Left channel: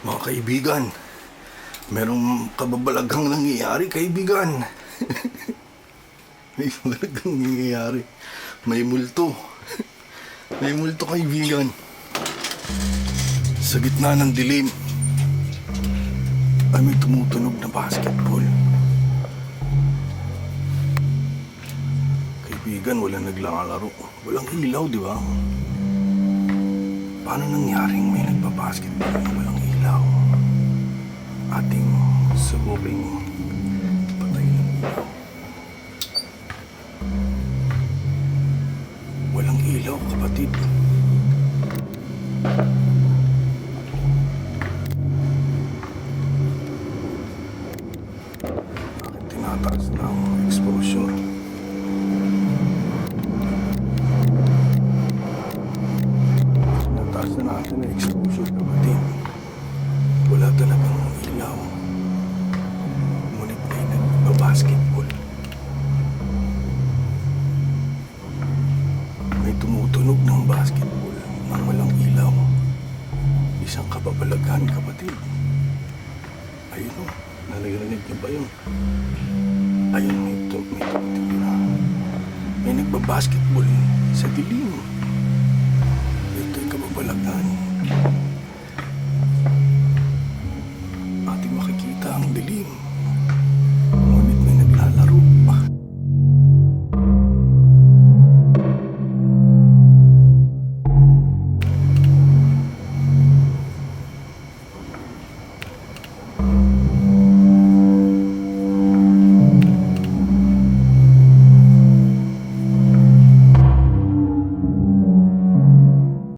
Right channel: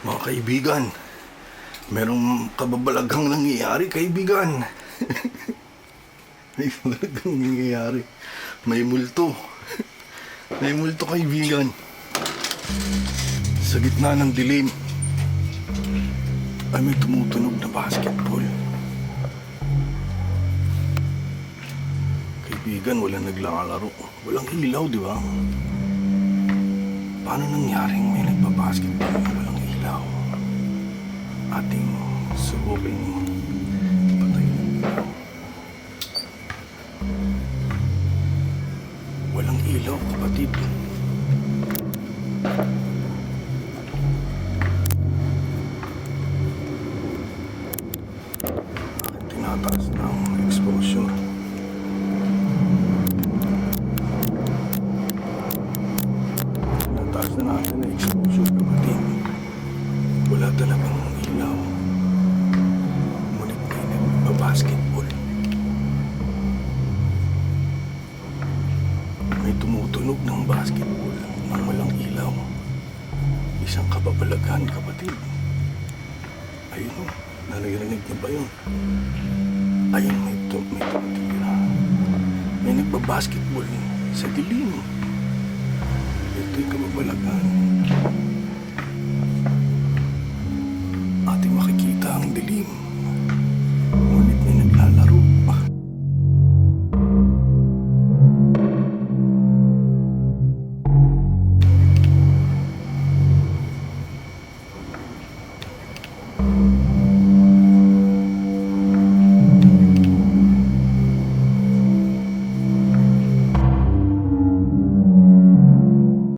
Mga kaibigan, merong kababalaghang nangyayari, kaibigan. May kababalaghang nangyayari. May multo. May multo, kaibigan. Sa gitna ng dilim, ay may tumutunog na basketball. Kaibigan, walang naglalaro. Walang ilaw, di ba? Paano nangyaring may nagbabasketball na walang ilaw? Ating subuking patayin ang ilaw. Walang ilaw, kapatid. Bakit tinataas ng exposure? Tinataas na natin ang exposure, kapatid. Wala talagang ilaw. Ngunit may nagbabasketball. May tumutunog ng basketball nang walang ilaw. Isang kababalaghan, kapatid. Ayun o, nalirinig niyo ba yun? Ayun, may tumitira. May nagbabasketball sa dilim. Ito'y kababalaghan.